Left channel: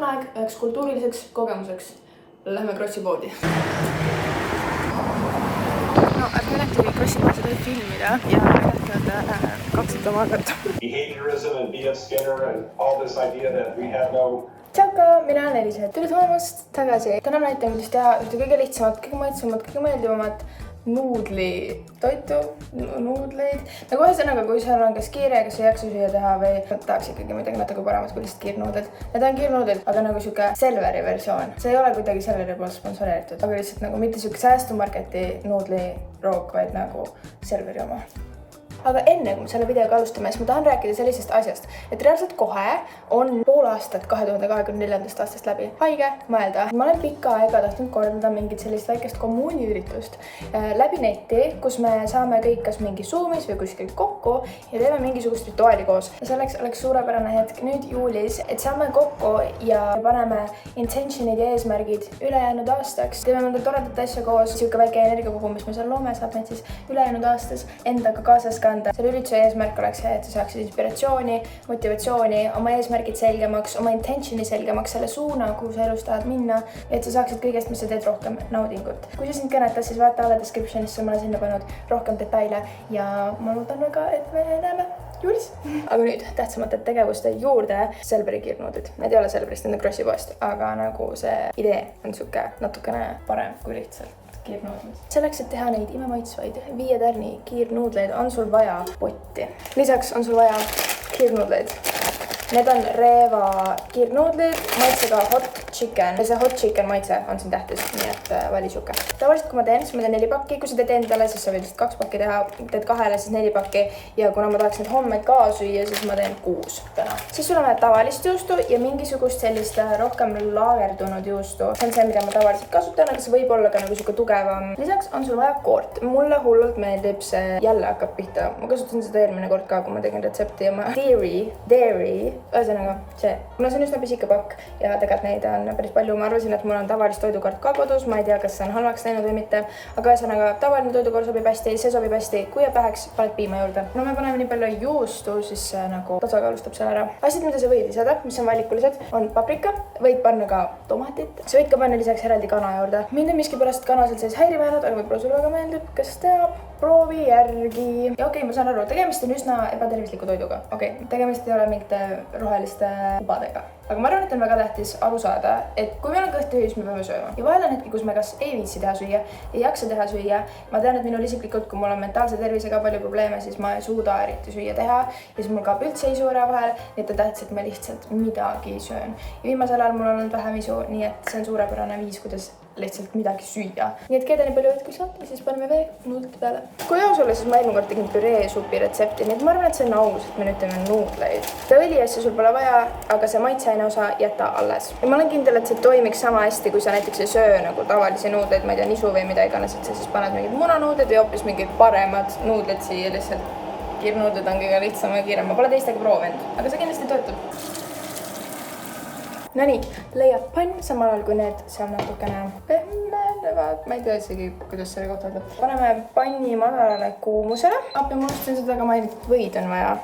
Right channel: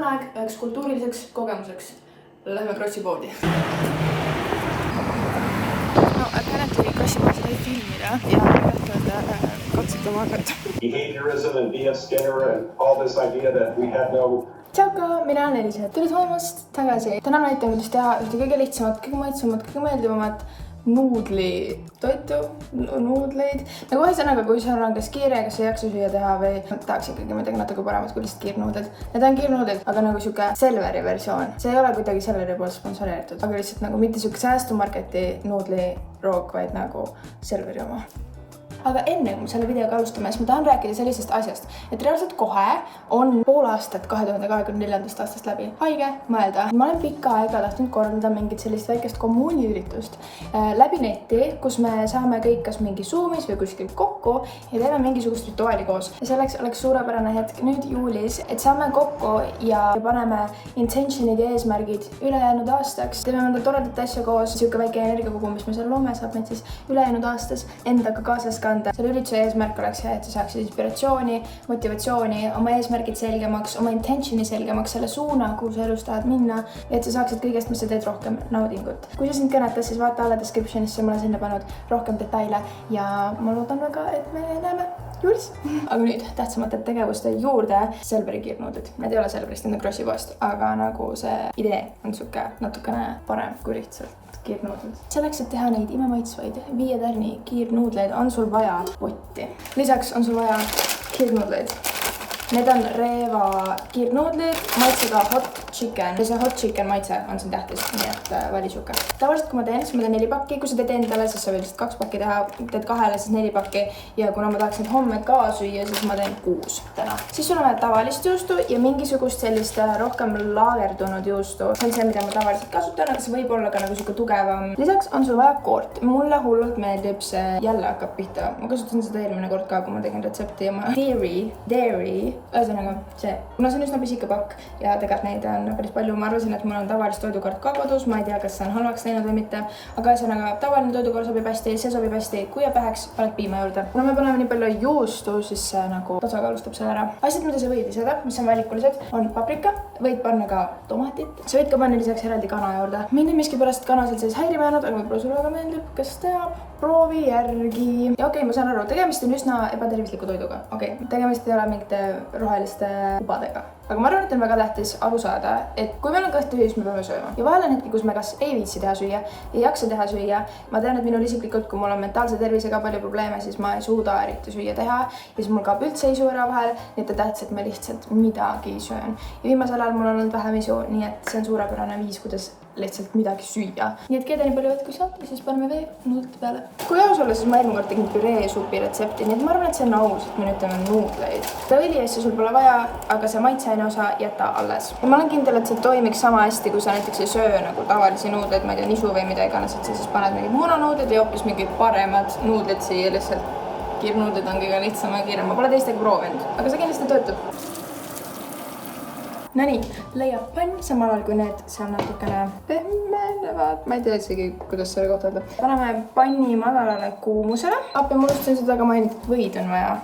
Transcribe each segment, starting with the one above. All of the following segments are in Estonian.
on aeg üheks kultuuriliseks kogemuseks. Lähme Krossi poodi. No, et mõneti Krossi poodi võib filmida ja näidata katsetama hakata. Behaviorism and B.F. Skinner and all this idea that we have no... Tšauka, mina olen Elisa. Tere tulemast tagasi. Täna näitan, kuidas teha ühte kõige lihtsamat, kõige maitsemat, kõige meeldivamat nuudlitoitu, nuudleid. Nagu ühesõnaga, kui sul on kas kiire, kas ei jaksa süüa teha või tahaks ikkagi midagi natuke paremat kui lihtsalt kiirnuudled. Need on kiirnuudled, aga nagu siuke Selveri versioon. See ei ole kuidagi Selveri poolt sponsoreeritud, aga lihtsalt nagu mitte siuke säästumarketi nuudliroog, vaid nagu Selveri oma. Aga enne, kui me selle videoga alustame, siis ma tahan rääkida sellisest asjast, et reaalselt kohe on pool aastat 2024. aastast läbi. Haige mõelda. Ma olen pikka aega tahtnud korraldada mingit sellist väikest kommuuniüritust läbi neti, kus me saame kõik kas mingi Zoomis või kuskil kokku ja teeme mingisugust rituaali koos. Ja selleks oleks suurepärane hetk nüüd juulis, et saame kokku ja paneme intentionid ja eesmärgid ülejäänud aastaks. Teeme mõnda toredat asja koos, siuke väike energiakogu, mis me seal loome, saab meid siis ülejäänud aastas endaga kaasas ka. Selle ürituse eesmärk oleks see, et sa saaksid inspiratsiooni, motivatsiooni, oma eesmärgid selgemaks, oma intentioni selgemaks, selle suuna, kuhu sa elus tahad minna ja et sa saaksid kõigest, mis sa teed, rohkem naudingut. Kui sa sind kõnetas, siis vaata alla descriptionisse, ma olen sinna pannud rohkem detaile ja ma loodan väga, et me näeme juulis. Aga nüüd tähtsamate tegevuste juurde Selveri kiirnuudlid. Need ei ole Selverist, need on Krossi poest, aga nagu see idee on siuke natukene parem kui lihtsalt kiirnuudlid. Selleks, et teha neid imemaitsvaid 5 tärni kiirnuudleid, on sul vaja potti. Lisaks on sul vaja kiirnuudleid. Need on Reeva kiirnuudlid, maitsega hot chicken. Ja see hot chicken maitse on siin tähtis, nii et vali siuke. Tavaliselt, kui ma teen 4 pakki. Kui sa teed endale, siis sa võid 2 pakki teha. Teed 2, siis 4 pakki. Ja kuna ma tahaks neid homme ka süüa, siis ma teen 6 täna. Siis sul on tavalist juustu ja mingisugust sellist rohkem laagerdunud juustu. See on see, mida ma tavaliselt kasutan, aga see võib olla ka nagu siuke tugevam. Lisaks on sul vaja koort. Mulle hullult meeldib see, jälle hakkab pihta. Ma kasutasin seda eelmine kord ka, kui ma tegin retsepti ja ma dairy. Ühesõnaga see, kuna see on üsna pisike pakk ja tegelikult neid on päris palju, ma arvasin, et mul on tavalist toidukaart ka kodus, ma ei tea, kas see on halvaks läinud või mitte, aga ühesõnaga tavaline toidukaart sobib hästi, see sobib hästi, kui jääb väheks, paned piima juurde. Kuna me paneme nii palju juustu, siis see nagu tasakaalustab selle ära. Asjad, mida sa võid lisada, mis on valikulised, on paprika, võid panna ka tomatit, sa võid ka panna lisaks eraldi kana juurde. Mind on miskipärast kana seal sees häirima jäänud, aga võib-olla sulle väga meeldib, kes teab, proovi järgi. Ja okei, ma saan aru, tegemist on üsna ebatervisliku toiduga. Okei, tegemist ei ole mingite roheliste ubadega. Aga ma arvan, et on väga tähtis aru saada, et kui meil on kõht tühi, siis me peame sööma. Ja vahel on hetki, kus me kas ei viitsi teha süüa, ei jaksa teha süüa. Ma tean, et minul isiklikult, kui mul on mentaalse tervisega palju probleeme, siis ma ei suuda eriti süüa teha. Ja siis mul kaob üldse isu ära vahel, nii et tähtis, et ma lihtsalt midagi söön. Ja viimasel ajal mul on olnud vähem isu, nii et see on suurepärane viis, kuidas lihtsalt midagi süüa. Nii et keeda nii palju võt, kui saad, ja siis paneme veel nuudlite peale. Kui aus olla, siis ma eelmine kord tegin püree supi retsepti, nii et ma arvan, et see on aus, et me nüüd teeme nuudleid. Seda õliasja sul pole vaja, aga see maitseaine osa jäta alles. Ja ma olen kindel, et see toimiks sama hästi, kui sa näiteks ei söö nagu tavalisi nuudleid, ma ei tea, nisu või mida iganes, et sa siis paned mingid munanuudlid ja hoopis mingid paremad nuudlid siia lihtsalt. Kiirnuudlid on kõige lihtsam ja kiirem. Ma pole teistega proovinud, aga see kindlasti töötab. No nii, leiab pann, samal ajal kui need seal natukene pehmenevad. Ma ei tea isegi, kuidas selle kohta öelda. Paneme panni madalale kuumusele. Appi, ma unustasin seda ka mainida, et võid on vaja.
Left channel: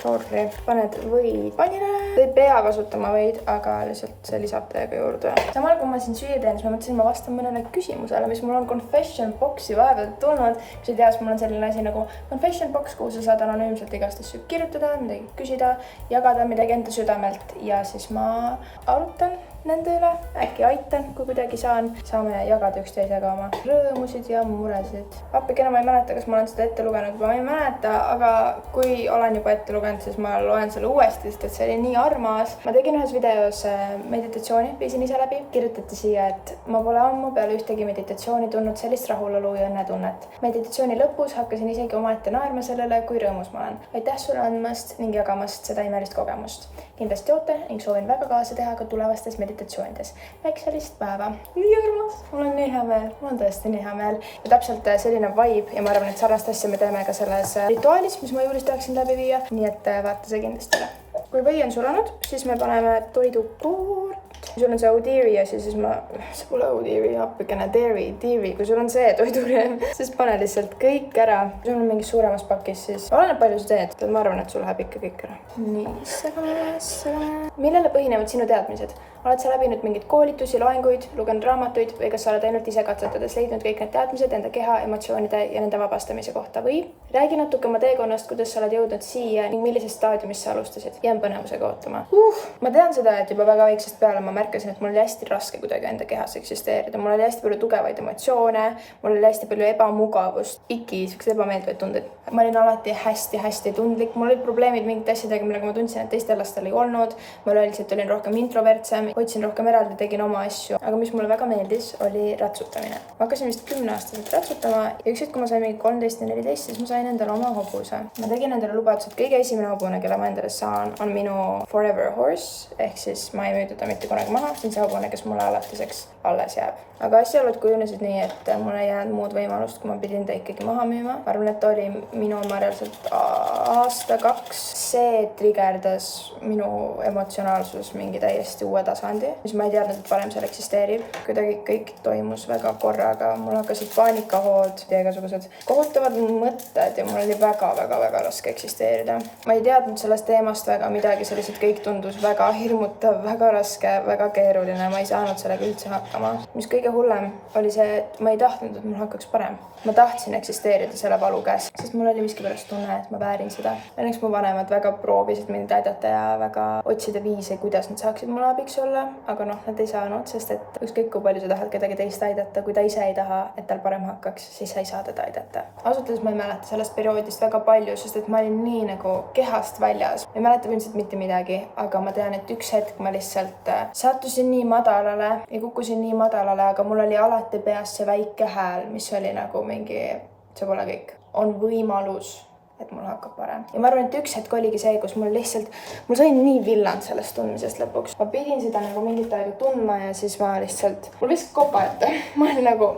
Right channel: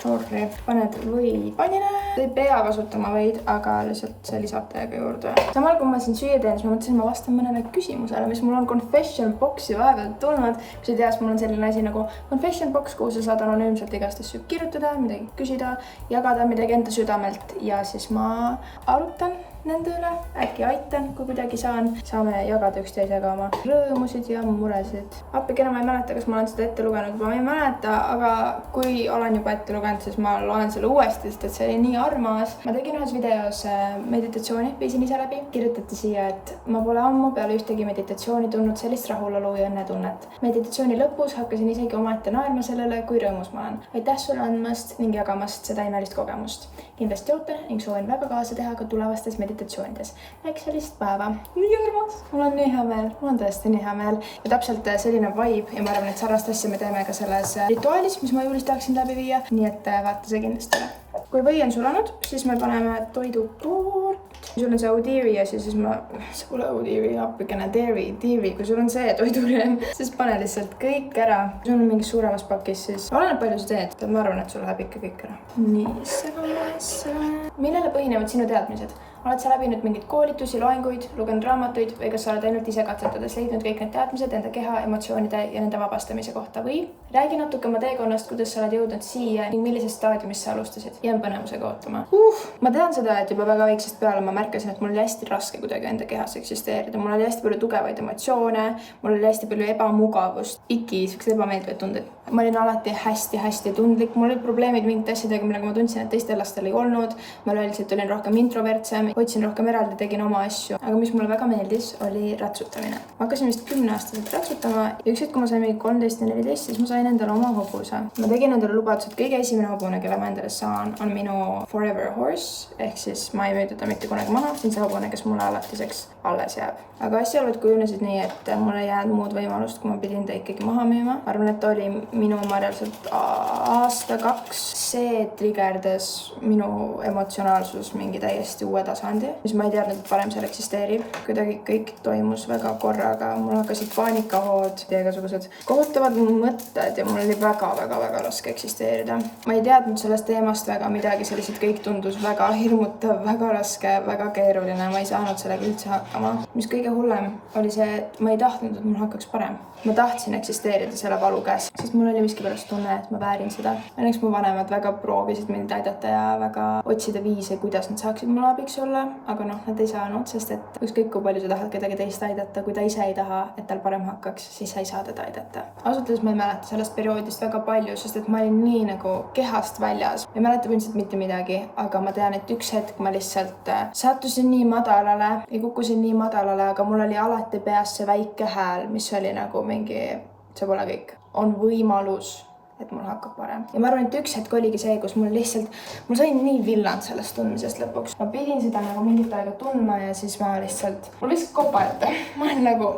Sorry. Paned võid pannile. Te ei pea kasutama võid, aga lihtsalt see lisab täiega juurde. Samal kui ma siin süüa teen, siis ma mõtlesin, ma vastan mõnele küsimusele, mis mul on confession boxi vahepeal tulnud. Kui sa tead, mul on selline asi nagu confession box, kuhu sa saad anonüümselt igast asju kirjutada, midagi küsida, jagada midagi enda südamelt ja siis ma arutan nende üle, äkki aitan, kui kuidagi saan. Saame jagada üksteisega oma rõõmusid ja muresid. Appi, kena ma ei mäleta, kas ma olen seda ette lugenud, ma ei mäleta, aga kui olen juba ette lugenud, siis ma loen selle uuesti, sest et see oli nii armas. Ma tegin ühes videos meditatsiooni, viisin ise läbi. Kirjutati siia, et ma pole ammu peale ühtegi meditatsiooni tundnud sellist rahulolu ja õnnetunnet. Meditatsiooni lõpus hakkasin isegi omaette naerma sellele, kui rõõmus ma olen. Aitäh sulle andmast ning jagamast seda imelist kogemust. Kindlasti ootan ning soovin väga kaasa teha ka tulevastes meditatsioonides. Äkki sellist päeva. Nii armas. Mul on nii hea meel. Mul on tõesti nii hea meel. Ja täpselt selline vibe ja ma arvan, et sarnast asja me teeme ka selles rituaalis, mis ma juulis tahaksin läbi viia. Nii et vaata see kindlasti üle. Kui või on sulanud, siis me paneme toidukoort kui sul on see Odeari asi, siis see pole Odeari, appikene Dairy, kui sul on see toidurem, siis pane lihtsalt kõik ära. Kui sul on mingis suuremas pakis, siis oleneb palju sa teed, ma arvan, et sul läheb ikka kõik ära. Nii, segame. Millele põhinevad sinu teadmised? Oled sa läbinud mingid koolitusi, loenguid, lugenud raamatuid või kas sa oled ainult ise katsetades leidnud kõik need teadmised enda keha, emotsioonide ja nende vabastamise kohta või räägi natuke oma teekonnast, kuidas sa oled jõudnud siia ning millises staadiumis sa alustasid? Jään põnevusega ootama. Ma tean seda, et juba väga väiksest peale ma märkasin, et mul oli hästi raske kuidagi enda kehas eksisteerida. Mul oli hästi palju tugevaid emotsioone, mul oli hästi palju ebamugavust, siuksed ebameeldivad tunded. Ma olin alati hästi tundlik, mul olid probleemid mingite asjadega, millega ma tundsin, et teistel lastel ei olnud. Ma lihtsalt olin rohkem introvertsem, hoidsin rohkem eraldi, tegin oma asju. Aga mis mulle väga meeldis, oli ratsutamine. Ma hakkasin vist 10-aastaselt ratsutama ja üks hetk, kui ma sain mingi 13 ja 14, siis ma sain endale oma hobuse. Ma tegin endale lubadused, kõige esimene hobune, kelle ma endale saan, on minu forever horse, ehk siis ma ei müü teda mitte kunagi maha, see on see hobune, kes mulle alatiseks alles jääb. Aga asjaolud kujunesid nii, et mul ei jäänud muud võimalust, kui ma pidin ta ikkagi maha müüma. Ma arvan, et oli minu oma reaalselt aasta-2. See trigerdas minu emotsionaalsus mingi täiesti uue tasandi, mis ma ei teadnud, et varem seal eksisteerib. Kuidagi kõik toimus väga korraga. Mul hakkasid paanikahood ja igasugused kohutavad mõtted ja mul oli väga raske eksisteerida. Ma ei teadnud sellest teemast väga midagi, see lihtsalt kõik tundus väga hirmutav, väga raske, väga keeruline. Ma ei saanud sellega üldse hakkama. Mis kõige hullem oli see, et ma ei tahtnud, et mul hakkaks parem. Ma tahtsin eksisteerida selle valu käes, sest mul oli miskipärast tunne, et ma väärin seda. Õnneks mu vanemad väga proovisid mind aidata ja väga otsida viise, kuidas nad saaksid mulle abiks olla, aga nad ei saanud, sest et ükskõik kui palju sa tahad kedagi teist aidata, kui ta ise ei taha, et tal parem hakkaks, siis sa ei saa teda aidata. Ausalt öeldes ma ei mäleta sellest perioodist väga palju, sest et ma olin nii nagu kehast väljas. Ma ei mäleta põhimõtteliselt mitte midagi, aga ma tean, et üks hetk ma lihtsalt sattusin nii madalale ja kukkusin nii madalale, aga mul oli alati peas see väike hääl, mis oli nagu mingi, see pole kõik, on võimalus, et mul hakkab parem. Ja ma arvan, et üks hetk oligi see, kus mul sai nii villand sellest tundmisest lõpuks. Ma pidin seda nagu mingit aega tundma ja siis mul lihtsalt kopajata. Ma olin nagu,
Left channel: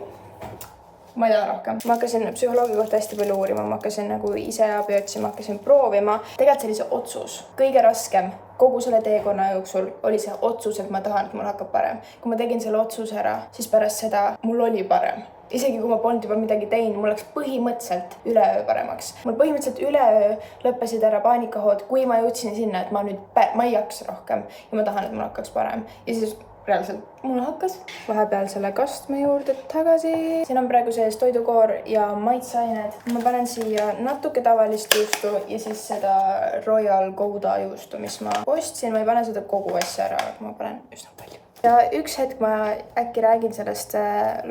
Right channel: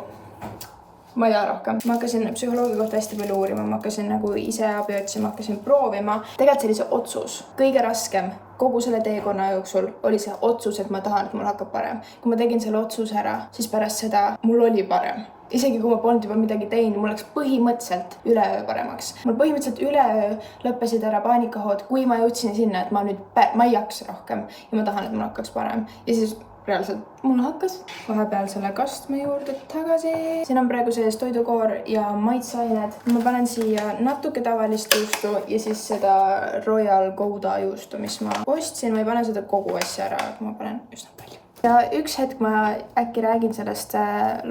ma ei taha rohkem. Ma hakkasin psühholoogi kohta hästi palju uurima, ma hakkasin nagu ise abi otsima, hakkasin proovima. Tegelikult see oli see otsus. Kõige raskem kogu selle teekonna jooksul oli see otsus, et ma tahan, et mul hakkab parem. Kui ma tegin selle otsuse ära, siis pärast seda mul oli parem. Isegi kui ma polnud juba midagi teinud, mul läks põhimõtteliselt üleöö paremaks. Mul põhimõtteliselt üleöö lõppesid ära paanikahood, kui ma jõudsin sinna, et ma ei jaksa rohkem ja ma tahan, et mul hakkaks parem. Ja siis reaalselt mul hakkas vahepeal selle kastme juurde tagasi. Siin on praegu sees toidukoor ja maitseained. Ma panen siia natuke tavalist juustu ja siis seda Royal Gouda juustu, mis ma ostsin. Ma ei pane seda kogu asja ära, aga ma panen üsna palju. Ja üks hetk ma äkki räägin sellest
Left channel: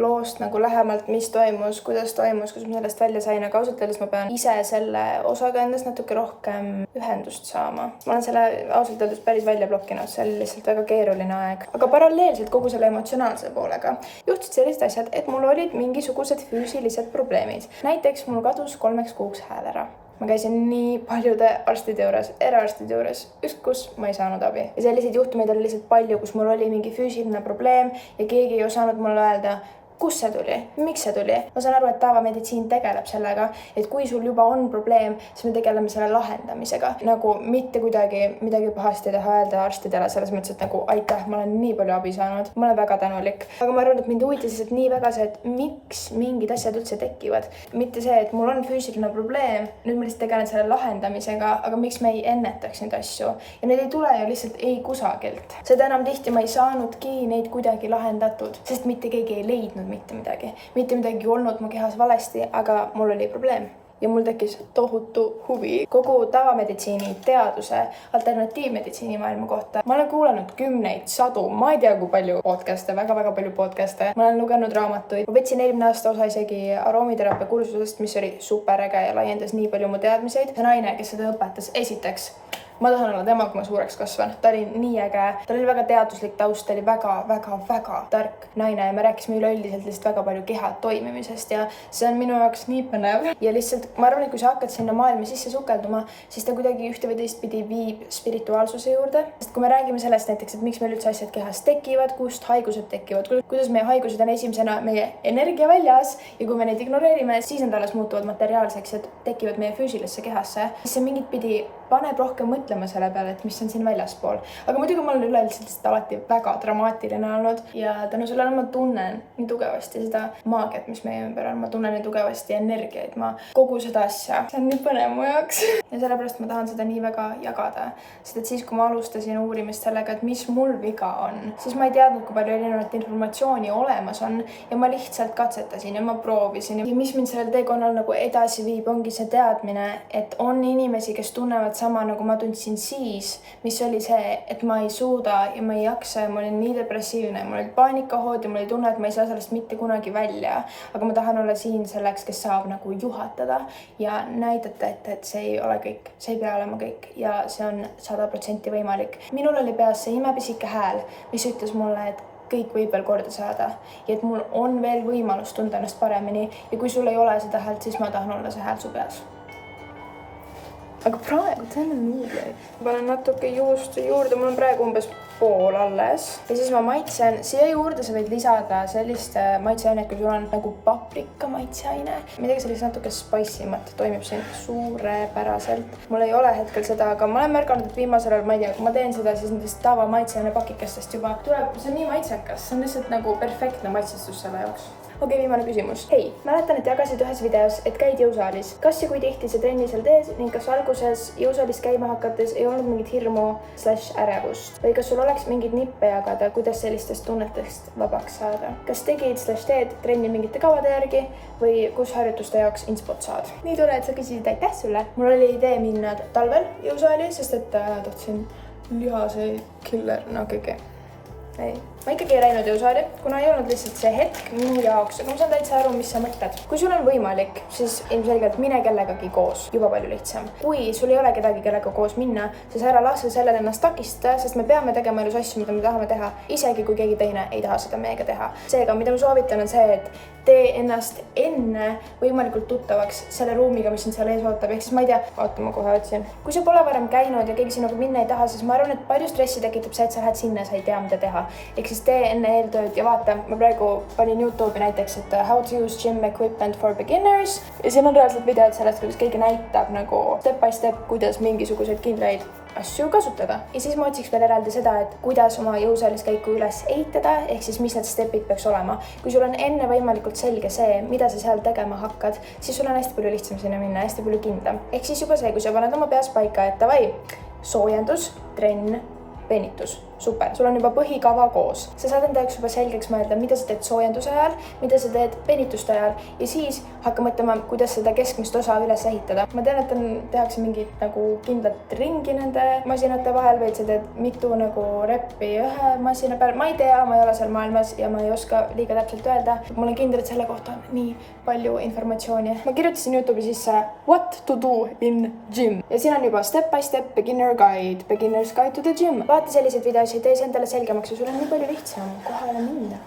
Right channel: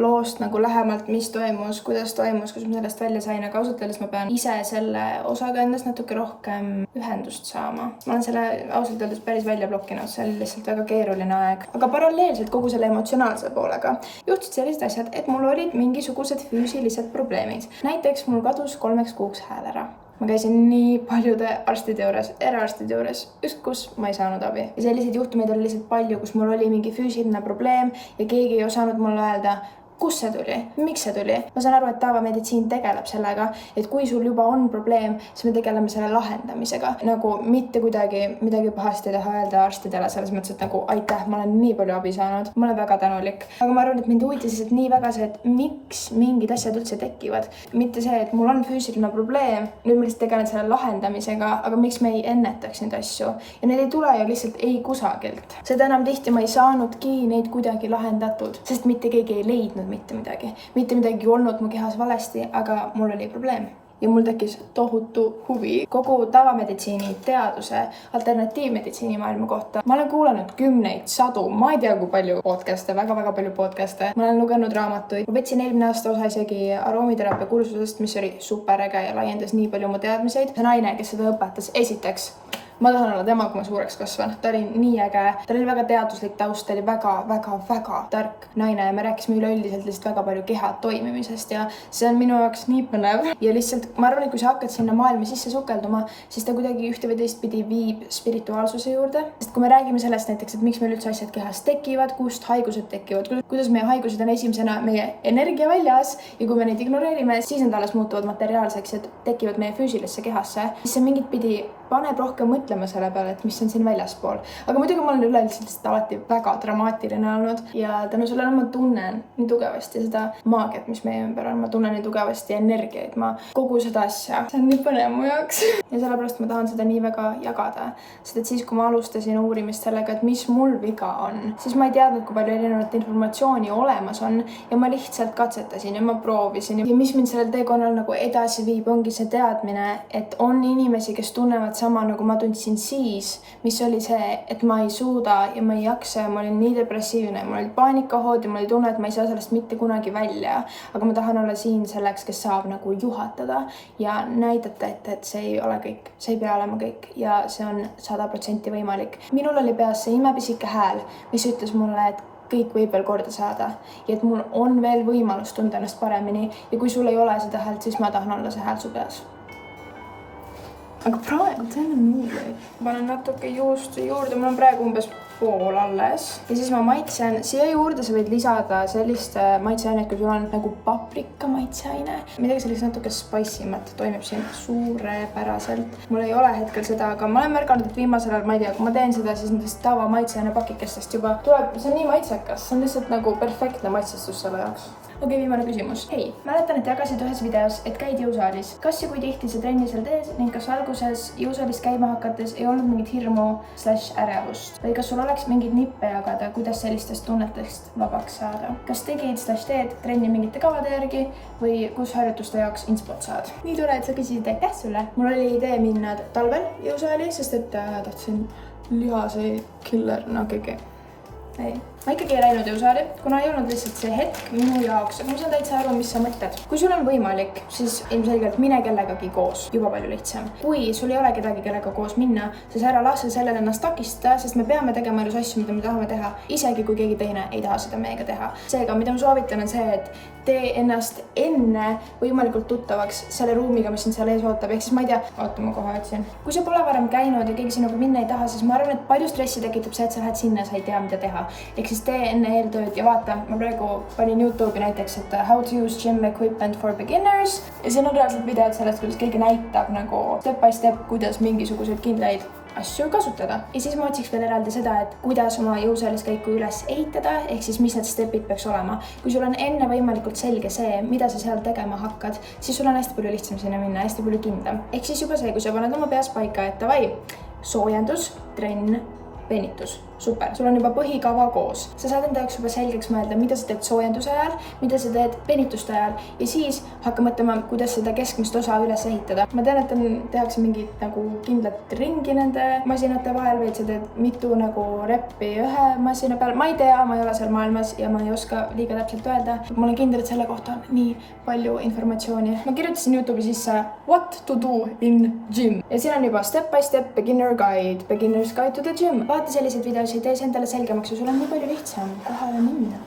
loost nagu lähemalt, mis toimus, kuidas ma sellest välja sain, aga ausalt öeldes ma pean ise selle osaga endast natuke rohkem ühendust saama. Ma olen selle ausalt öeldes päris välja blokkinud, see oli lihtsalt väga keeruline aeg. Aga paralleelselt kogu selle emotsionaalse poolega juhtusid sellised asjad, et mul olid mingisugused füüsilised probleemid. Näiteks mul kadus 3 kuuks hääl ära. Ma käisin nii paljude arstide juures, eraarstide juures, ükskõik kus ma ei saanud abi. Ja selliseid juhtumeid oli lihtsalt palju, kus mul oli mingi füüsiline probleem ja keegi ei osanud mulle öelda, kus see tuli, miks see tuli. Ma saan aru, et tavameditsiin tegeleb sellega, et kui sul juba on probleem, siis me tegeleme selle lahendamisega. Nagu mitte kuidagi midagi pahasti taha öelda arstidele, selles mõttes, et nagu aitäh, ma olen nii palju abi saanud. Ma olen väga tänulik. Aga ma arvan, et mind huvitas lihtsalt nii väga see, et miks mingid asjad üldse tekivad. Mitte see, et mul on füüsiline probleem, nüüd ma lihtsalt tegelen selle lahendamisega, aga miks me ei ennetaks neid asju. Ja need ei tule ju lihtsalt ei kusagilt. Seda enam tihti ma ei saanudki neid kuidagi lahendatud, sest mitte keegi ei leidnud mitte midagi olnud mu kehas valesti, aga mul oli probleem. Ja mul tekkis tohutu huvi kogu tavameditsiini teaduse, alternatiivmeditsiini maailma kohta. Ma olen kuulanud 10, 100, ma ei tea kui palju podcast'e, väga palju podcast'e. Ma olen lugenud raamatuid. Ma võtsin eelmine aasta osa isegi aroomiteraapia kursusest, mis oli superäge ja laiendas nii palju mu teadmiseid. See naine, kes seda õpetas, esiteks ma tahan olla tema, kui ma suureks kasvan. Ta oli nii äge, ta oli väga teaduslik taust, ta oli väga tark naine ja me rääkisime üleüldiselt lihtsalt väga palju keha toimimisest ja see on minu jaoks nii põnev. Ja lihtsalt ma arvan, et kui sa hakkad sinna maailma sisse sukelduma, siis ta kuidagi ühte või teistpidi viib spirituaalsuse juurde. Sest kui me räägime sellest näiteks, et miks meil üldse asjad kehas tekivad, kust haigused tekivad, kuidas meie haigused on esimesena meie energia väljas ja kui me neid ignoreerime, siis nad alles muutuvad materiaalseks ja tekivad meie füüsilisse kehasse, siis see mingit pidi paneb rohkem mõtlema selle peale, et mis on siin väljaspool. Aga muidugi ma olen üleüldiselt alati väga dramaatiline olnud ja tänu sellele ma tunnen nii tugevasti seda maagiat, mis meie ümber on. Ma tunnen nii tugevasti energiaid, kogu seda asja. See on nii põnev mu jaoks. Ja sellepärast ma tahan seda nii väga jagada. Sest et siis, kui ma alustasin uurimist sellega, et mis mul viga on, siis ma ei teadnud, kui palju erinevat informatsiooni olemas on ja ma lihtsalt katsetasin ja ma proovisin. Ja mis mind sellel teekonnal nagu edasi viib, ongi see teadmine, et on inimesi, kes tunnevad sama, nagu ma tundsin siis, mis oli see, et ma ei suuda ja ma ei jaksa ja ma olin nii depressiivne, mul olid paanikahood ja mul oli tunne, et ma ei saa sellest mitte kunagi välja. Aga ma tahan olla siin selleks, kes saab nagu juhatada ja näidata, et see ei ole kõik, see ei pea olema kõik ja see on 100% võimalik. Minul oli peas see imepisike hääl, mis ütles mulle, et kõik võib veel korda saada ja et mul on veel võimalus tunda ennast paremini ja kui sul ei ole seda häält, siis ma tahan olla see hääl su peas. Aga praegu teen nuudleid. Ma panen natuke juustu juurde, mul on praegu umbes pool alles. Ja siis ma maitsen, siia juurde sa võid lisada sellist maitseainet, kui sul on nagu paprika maitseaine. Midagi sellist natuke spice'imat toimib siin suurepäraselt. Mul ei ole hetkel seda, aga ma olen märganud, et viimasel ajal, ma ei tea, kui ma teen seda, siis nendest tava maitseaine pakikestest juba tuleb, see on nii maitsekas, see on lihtsalt nagu perfektne maitsestus selle jaoks. Okei, viimane küsimus. Hei, mäletan, et jagasid ühes videos, et käid jõusaalis. Kas ja kui tihti see trenni seal teed ning kas alguses jõusaalis käima hakates ei olnud mingit hirmu/ärevust? Või kas sul oleks mingid nippe jagada, kuidas sellistest tunnetest vabaks saada? Kas tegid/teed trenni mingite kavade järgi või kus harjutuste jaoks inspot saad? Nii tore, et sa küsisid, aitäh sulle. Mul oli idee minna talvel jõusaali, sest et tahtsin lihaseid killer, no kõige. Ei. Ma ikkagi ei läinud jõusaali, kuna ei olnud lihtsalt see hetk minu jaoks, aga ma saan täitsa aru, mis sa mõtled. Kui sul on võimalik, siis ilmselgelt mine kellegagi koos, juba palju lihtsam. Kui sul ei ole kedagi, kellega koos minna, siis ära lase sellele ennast takistada, sest me peame tegema elus asju, mida me tahame teha, isegi kui keegi teine ei taha seda meiega teha. Seega, mida ma soovitan on see, et tee ennast enne võimalikult tuttavaks selle ruumiga, mis sind seal ees ootab. Ehk siis ma ei tea, oota, ma kohe otsin. Kui sa pole varem käinud ja keegi sinuga minna ei taha, siis ma arvan, et palju stressi tekitab see, et sa lähed sinna, sa ei tea, mida teha. Ehk siis tee enne eeltööd ja vaata, ma praegu panin YouTube'i näiteks, et how to use gym equipment for beginners ja siin on reaalselt videod sellest, kuidas keegi näitab nagu step by step, kuidas mingisuguseid kindlaid asju kasutada. Ja siis ma otsiks veel eraldi seda, et kuidas oma jõusaalis käiku üles ehitada, ehk siis mis need stepid peaks olema. Kui sul on enne võimalikult selge see, mida sa seal tegema hakkad, siis sul on hästi palju lihtsam sinna minna, hästi palju kindlam. Ehk siis juba see, kui sa paned oma peas paika, et davai, soojendus, trenn, venitus. Super, sul on juba põhikava koos. Sa saad enda jaoks juba selgeks mõelda, mida sa teed soojenduse ajal, mida sa teed venituste ajal ja siis hakka mõtlema, kuidas seda keskmist osa üles ehitada. Ma tean, et tehakse mingit nagu kindlat ringi nende masinate vahel või sa teed mitu nagu reppi ühe masina peal. Ma ei tea, ma ei ole seal maailmas ja ma ei oska liiga täpselt öelda. Ma olen kindel, et selle kohta on nii palju informatsiooni. Ma kirjutasin YouTube'i sisse what to do in gym ja siin on juba step by step beginner's guide to the gym. Vaata selliseid videosid, tee see endale selgemaks ja sul on nii palju lihtsam kohale minna.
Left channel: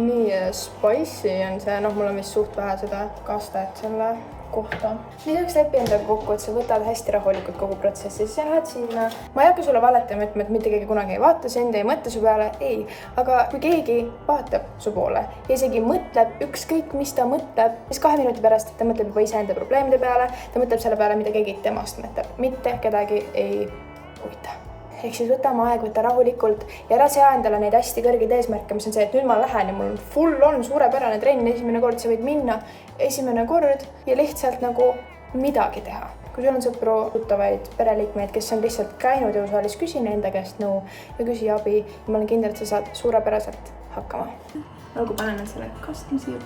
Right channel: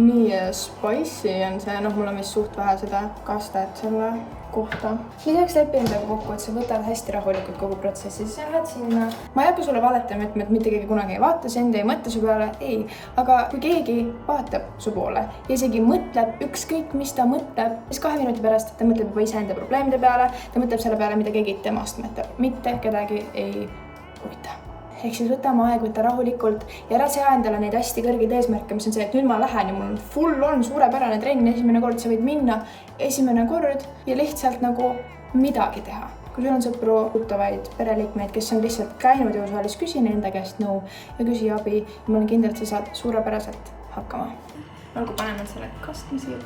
Nii spicy on see, mul on vist suht vähe seda kastet selle kohta. Lisaks lepi endaga kokku, et sa võtad hästi rahulikult kogu protsessi, siis sa lähed sinna. Ma ei hakka sulle valetama, et mitte keegi kunagi ei vaata, see enda ei mõtle su peale, ei. Aga kui keegi vaatab su poole ja isegi mõtleb ükskõik, mis ta mõtleb, siis 2 minuti pärast ta mõtleb juba iseenda probleemide peale, ta mõtleb selle peale, mida keegi temast mõtleb. Mitte kedagi ei huvita. Ehk siis võta oma aeg, võta rahulikult ja ära sea endale neid hästi kõrgeid eesmärke, mis on see, et nüüd ma lähen ja mul full on suurepärane trenn, esimene kord sa võid minna, esimene kord ja lihtsalt nagu midagi teha. Kui sul on sõpru, tuttavaid, pereliikmeid, kes on lihtsalt käinud jõusaalis, küsi enda käest nõu ja küsi abi ja ma olen kindel, et sa saad suurepäraselt hakkama. Olgu, panen selle kastma siia.